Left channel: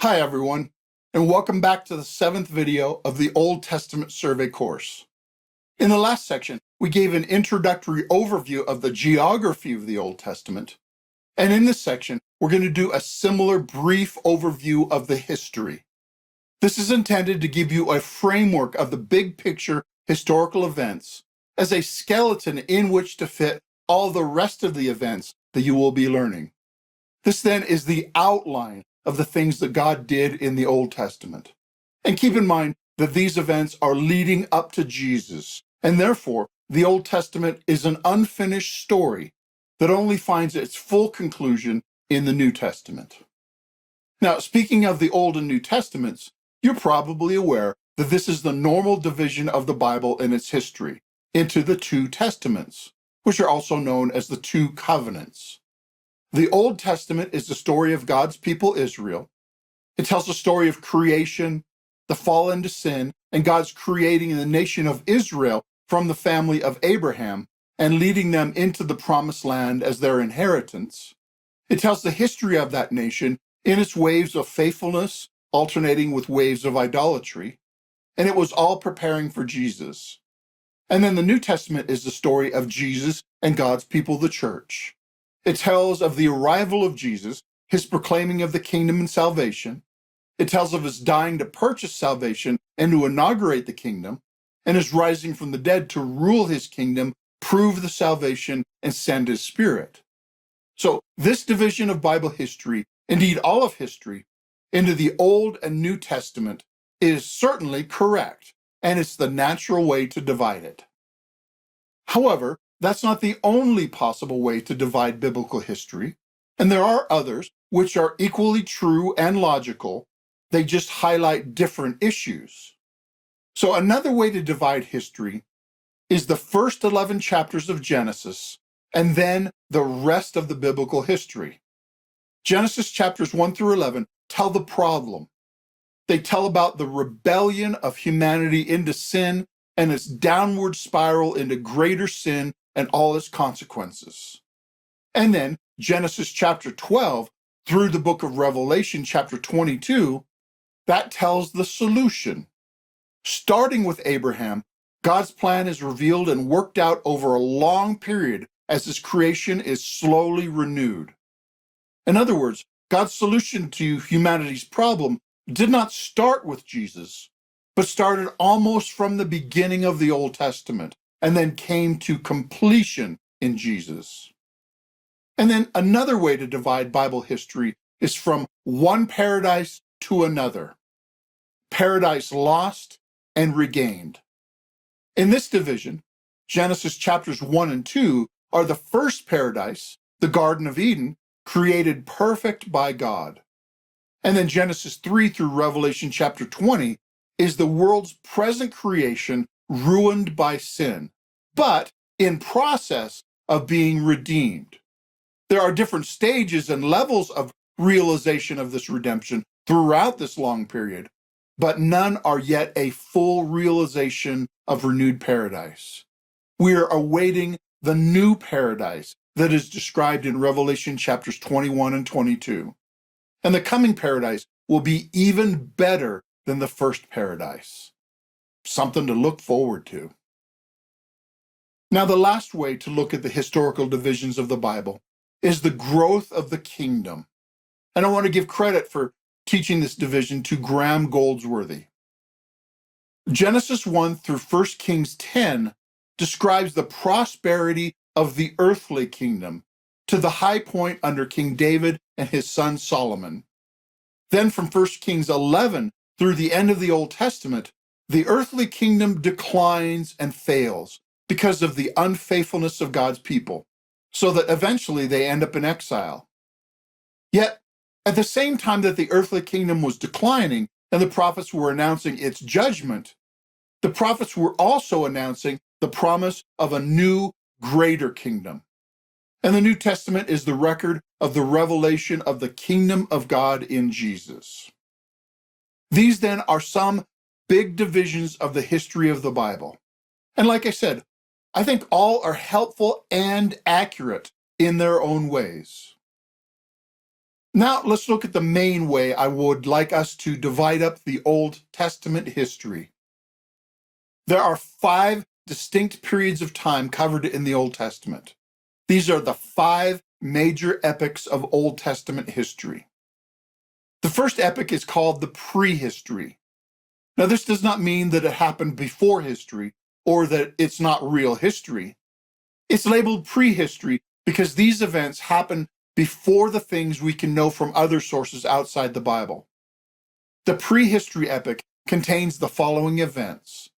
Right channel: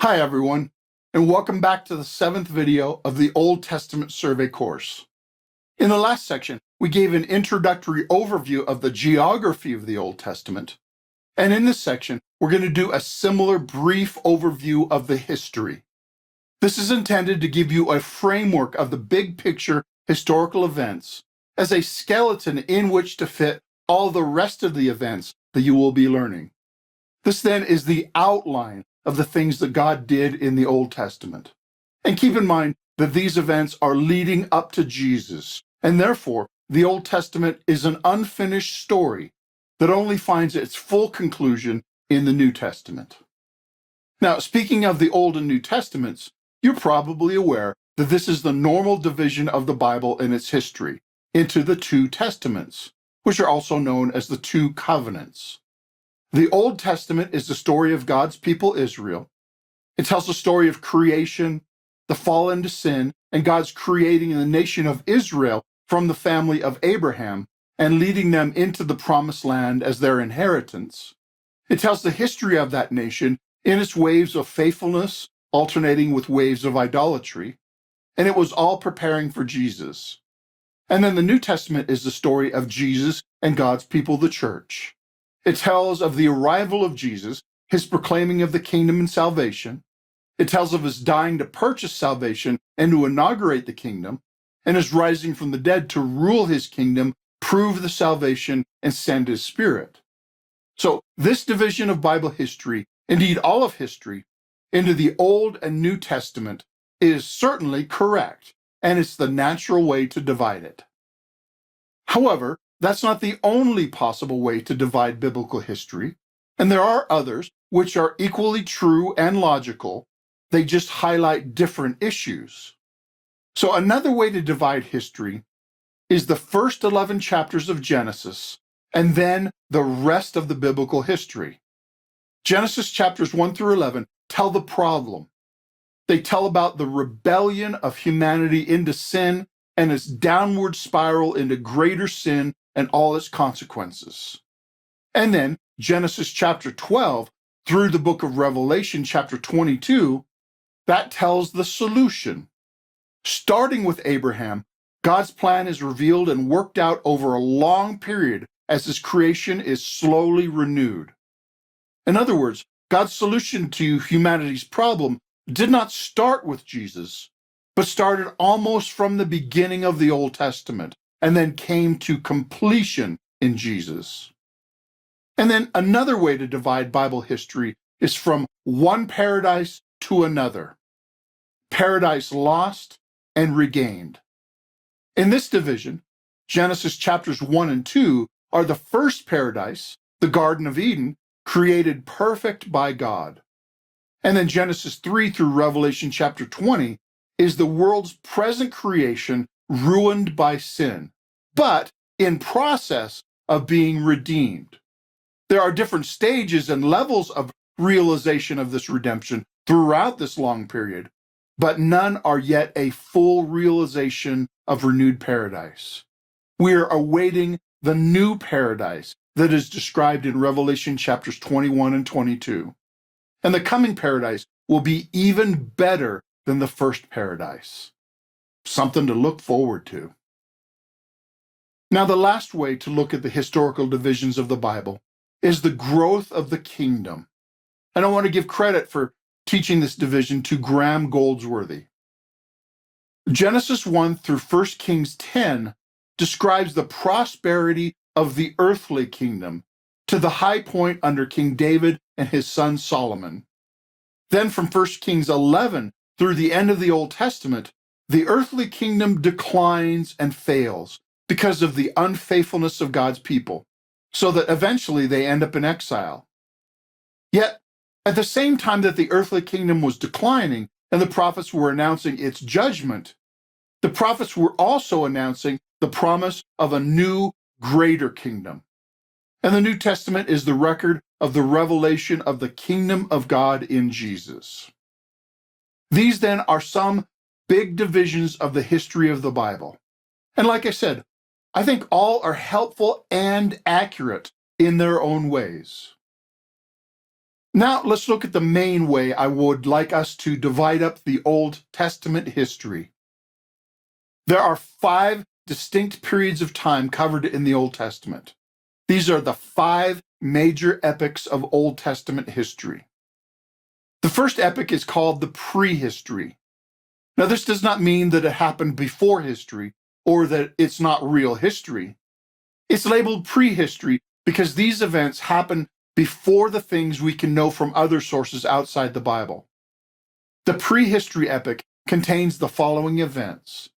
Hi everyone, and welcome back to the 7th video of the Old Testament survey course. In the last section, we gave an introductory overview of the geography of the Old Testament, and in this section, we're going to do a similar brief overview of the history. This is intended to give you a framework of the big picture historical events as a skeleton in which to fit all the rest of the events that you will be learning. This then is the outline of the things that God did in the Old Testament. And keep in mind that these events are leading up to Jesus, and therefore the Old Testament is an unfinished story that only finds its full conclusion in the New Testament. Now, speaking of the Old and New Testaments, you're probably aware that this is the normal division of the Bible in its history into the two testaments, which are also known as the two covenants. The Old Testament is the story of God's people, Israel. It tells the story of creation, the fall into sin, and God's creating the nation of Israel from the family of Abraham and leading them into the promised land as their inheritance. It tells the history of that nation in its waves of faithfulness, alternating with waves of idolatry. And it was all preparing for Jesus. And then the New Testament is the story of Jesus and God's people, the church. It tells of the arrival of Jesus, his proclaiming of the kingdom and salvation. It tells of his dying to purchase salvation and to inaugurate the kingdom, and his rising from the dead to rule his kingdom, prove the salvation, and send his Spirit. So this division of Bible history, indeed all of history, into the Old and New Testament is certainly correct, and it's the natural way to divide it. However, that's not the only possible way to divide biblical history, and there are others which are equally true and logical. They just highlight different issues. So another way to divide history is the first 11 chapters of Genesis and then the rest of the biblical history. Genesis chapters 1 through 11 tell the problem. They tell about the rebellion of humanity into sin and its downward spiral into greater sin and all its consequences. And then Genesis chapter 12 through the book of Revelation chapter 22, that tells the solution. Starting with Abraham, God's plan is revealed and worked out over a long period as his creation is slowly renewed. In other words, God's solution to humanity's problem did not start with Jesus, but started almost from the beginning of the Old Testament and then came to completion in Jesus. And then another way to divide Bible history is from one paradise to another. Paradise lost and regained. In this division, Genesis chapters 1 and 2 are the first paradise, the Garden of Eden, created perfect by God. And then Genesis 3 through Revelation chapter 20 is the world's present creation ruined by sin, but in process of being redeemed. There are different stages and levels of realization of this redemption throughout this long period, but none are yet a full realization of renewed paradise. We are awaiting the new paradise that is described in Revelation chapters 21 and 22. And the coming paradise will be even better than the first paradise. Something to look forward to. Now, the last way to look at the historical divisions of the Bible is the growth of the kingdom. And I want to give credit for teaching this division to Graham Goldsworthy. Genesis 1 through 1 Kings 10 describes the prosperity of the earthly kingdom to the high point under King David and his son Solomon. Then from 1 Kings 11 through the end of the Old Testament, the earthly kingdom declines and fails because of the unfaithfulness of God's people, so that eventually they end up in exile. Yet, at the same time that the earthly kingdom was declining and the prophets were announcing its judgment, the prophets were also announcing the promise of a new, greater kingdom. And the New Testament is the record of the revelation of the kingdom of God in Jesus. These then are some big divisions of the history of the Bible. And like I said, I think all are helpful and accurate in their own ways. Now let's look at the main way I would like us to divide up the Old Testament history. There are 5 distinct periods of time covered in the Old Testament. These are the 5 major epochs of Old Testament history. The first epoch is called the prehistory. Now, this does not mean that it happened before history or that it's not real history. It's labeled prehistory because these events happen before the things we can know from other sources outside the Bible. The prehistory epoch contains the following events:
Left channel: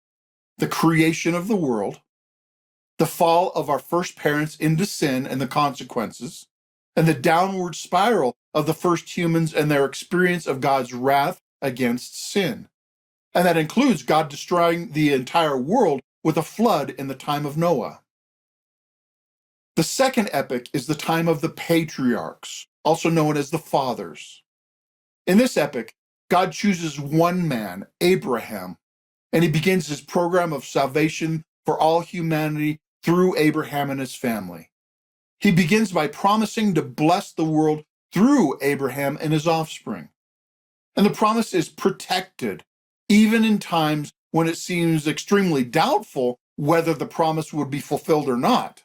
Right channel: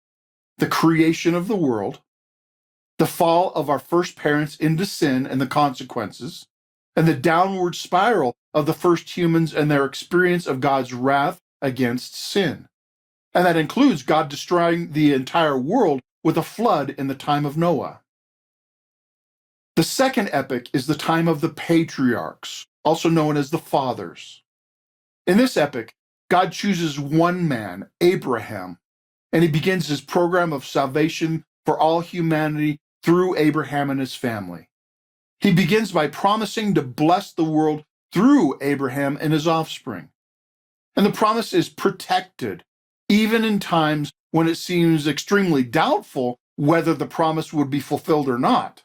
the creation of the world, the fall of our first parents into sin and the consequences, and the downward spiral of the first humans and their experience of God's wrath against sin. And that includes God destroying the entire world with a flood in the time of Noah. The second epoch is the time of the patriarchs, also known as the fathers. In this epoch, God chooses one man, Abraham, and he begins his program of salvation for all humanity through Abraham and his family. He begins by promising to bless the world through Abraham and his offspring. And the promise is protected, even in times when it seems extremely doubtful whether the promise would be fulfilled or not.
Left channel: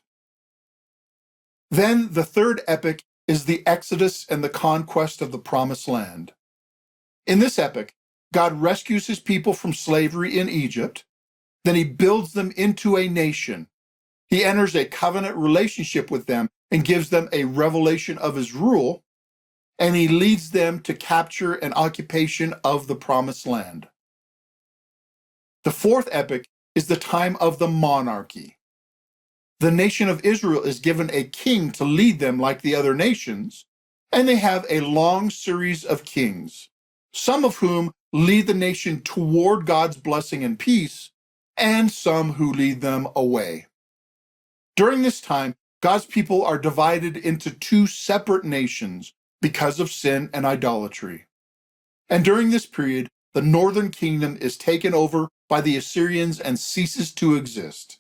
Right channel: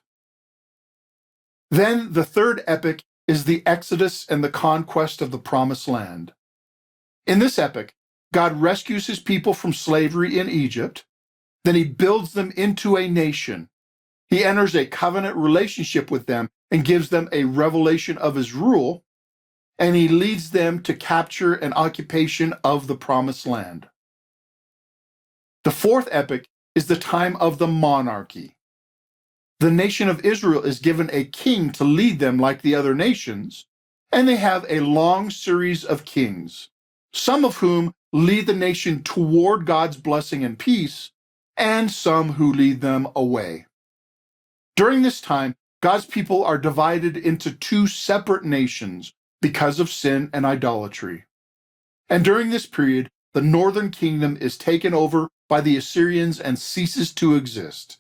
Then the third epoch is the Exodus and the conquest of the Promised Land. In this epoch, God rescues his people from slavery in Egypt. Then he builds them into a nation. He enters a covenant relationship with them and gives them a revelation of his rule, and he leads them to capture and occupation of the Promised Land. The fourth epoch is the time of the monarchy. The nation of Israel is given a king to lead them like the other nations, and they have a long series of kings, some of whom lead the nation toward God's blessing and peace, and some who lead them away. During this time, God's people are divided into 2 separate nations because of sin and idolatry. And during this period, the northern kingdom is taken over by the Assyrians and ceases to exist.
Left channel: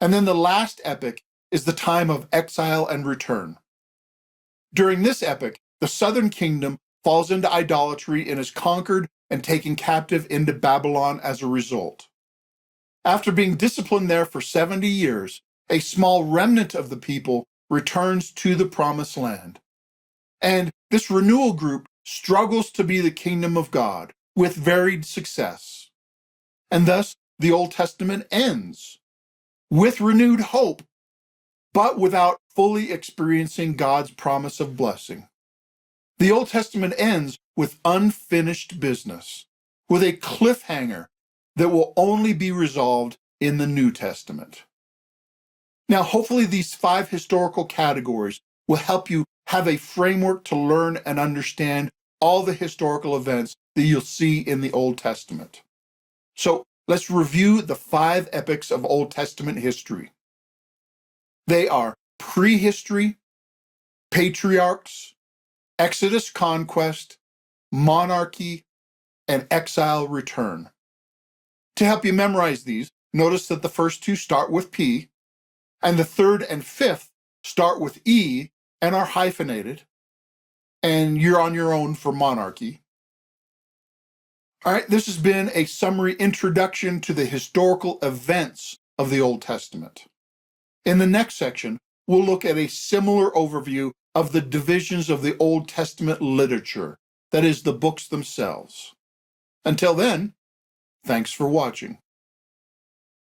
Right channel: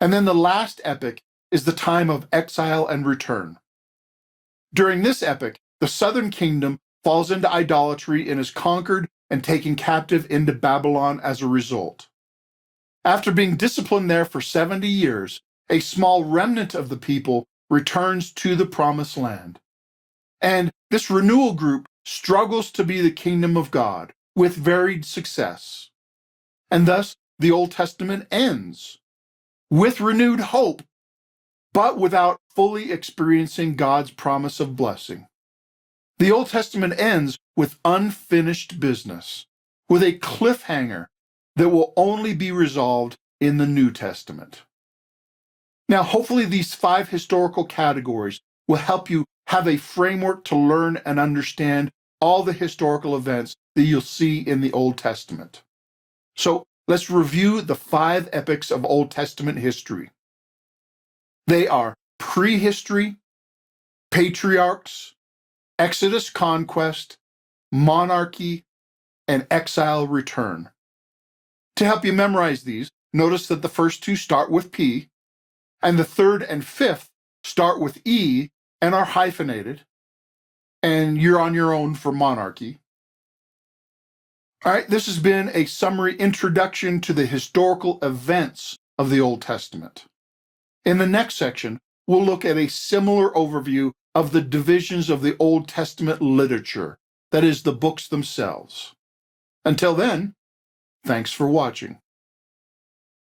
And then the last epoch is the time of exile and return. During this epoch, the southern kingdom falls into idolatry and is conquered and taken captive into Babylon as a result. After being disciplined there for 70 years, a small remnant of the people returns to the Promised Land. And this renewal group struggles to be the kingdom of God with varied success. And thus, the Old Testament ends with renewed hope, but without fully experiencing God's promise of blessing. The Old Testament ends with unfinished business, with a cliffhanger that will only be resolved in the New Testament. Now, hopefully these 5 historical categories will help you have a framework to learn and understand all the historical events that you'll see in the Old Testament. So let's review the 5 epochs of Old Testament history. They are prehistory, patriarchs, Exodus conquest, monarchy, and exile return. To help you memorize these, notice that the first 2 start with P, and the third and fifth start with E and are hyphenated, and you're on your own for monarchy. All right, this has been a summary introduction to the historical events of the Old Testament. In the next section, we'll look at a similar overview of the divisions of the Old Testament literature, that is, the books themselves. Until then, thanks for watching.